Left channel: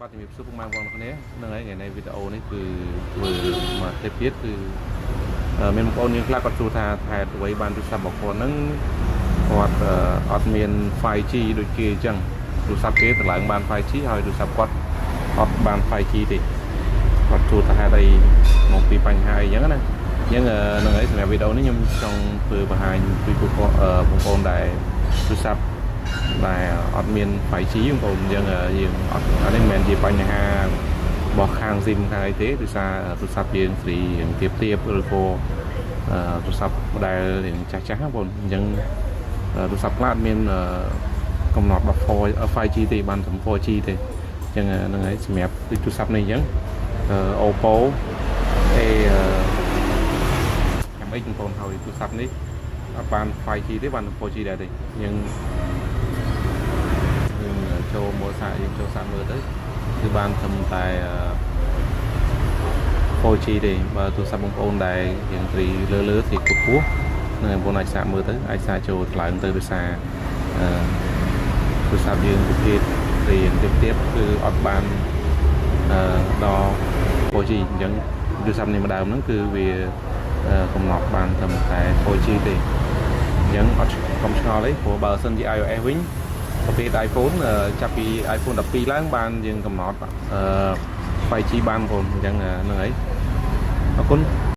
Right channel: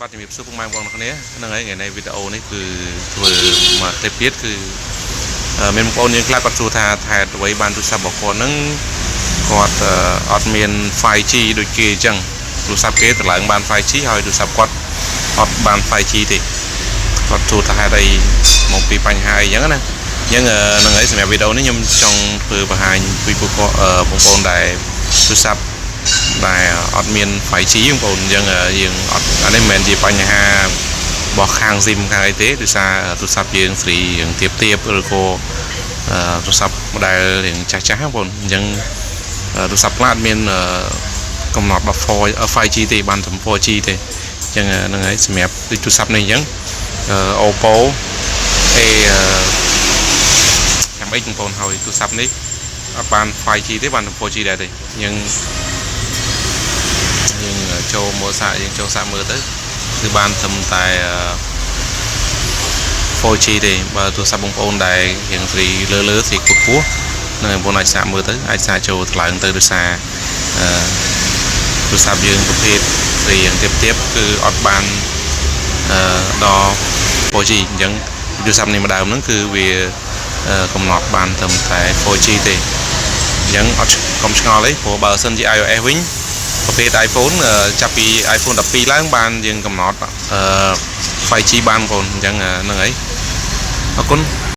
បាទជំរាបសួរពុកម៉ែបងប្អូនគ្នាហ្នឹងហើយថ្ងៃនេះវីដេអូនេះគឺធ្វើមកទេពទៀតគឺមានបងប្អូនយើងខ្លះគាត់សួរថាថែអ្វីបានទូរស័ព្ទរបស់គាត់ហ្នឹងគាត់អត់មាន 5G ដូចគេអញ្ចឹងទូរស័ព្ទគេតម្លើងបាន 5G ហើយទូរស័ព្ទគាត់អត់បាន 5G ទេគាត់សួរថាហេតុអីមកពីបញ្ហាអីអញ្ចឹងណាអញ្ចឹងហ្នឹងហើយសម្រាប់វីដេអូនេះខ្ញុំចង់ធ្វើបង្ហាញពីពួកគាត់បងប្អូនដែលទូរស័ព្ទដែលអត់មាន 5G បងប្អូនអញ្ចឹងយើងអត់អានេះមិនមែនជាបញ្ហារបស់ខាង SIM ខាងអីទេដោយសារទូរស័ព្ទយើងស្រីយើងទៀបឬក៏ទូរស័ព្ទ model រៀងចាស់បងប្អូនអញ្ចឹងទូរស័ព្ទខ្លះអត់មានកំណត់ដល់ 5G ទេបានតែ 4G ទេអញ្ចឹងហ្នឹងហើយសម្រាប់ទូរស័ព្ទនេះអញ្ចឹងOppo A8 បងប្អូនហើយទូរស័ព្ទនេះអត់បាន 5G ទេបានតែ 4G ដែរទេយើងចូលមើលសាកយើងចូលសាកមើលទៅគឺបានត្រឹមតែ 4G ទេបើទូរស័ព្ទបងប្អូនដែលយើងស្រីលើស្រីខ្ពស់នឹងបងប្អូនអាចសាកមើលទៅអាចសាកចូលថ្លើមទៅដោយសារទូរស័ព្ទយើងប្រភេទស្រីយ៉ាងទៀបគឺអត់បានដល់ 4G អញ្ចឹងទូរស័ព្ទនេះម្ដងហ្នឹងគឺវាកំណត់បានត្រឹមតែ 4G ទេអញ្ចឹងអត់កុំឆ្ងល់ទេព្រោះបើសិនជា iOS វិញប្រភេទ iPhone ចាប់ពី iPhone 12ឡើងបានយើងកំណត់ 5G បានបងប្អូនអញ្ចឹងហ្នឹងហើយអរគុណ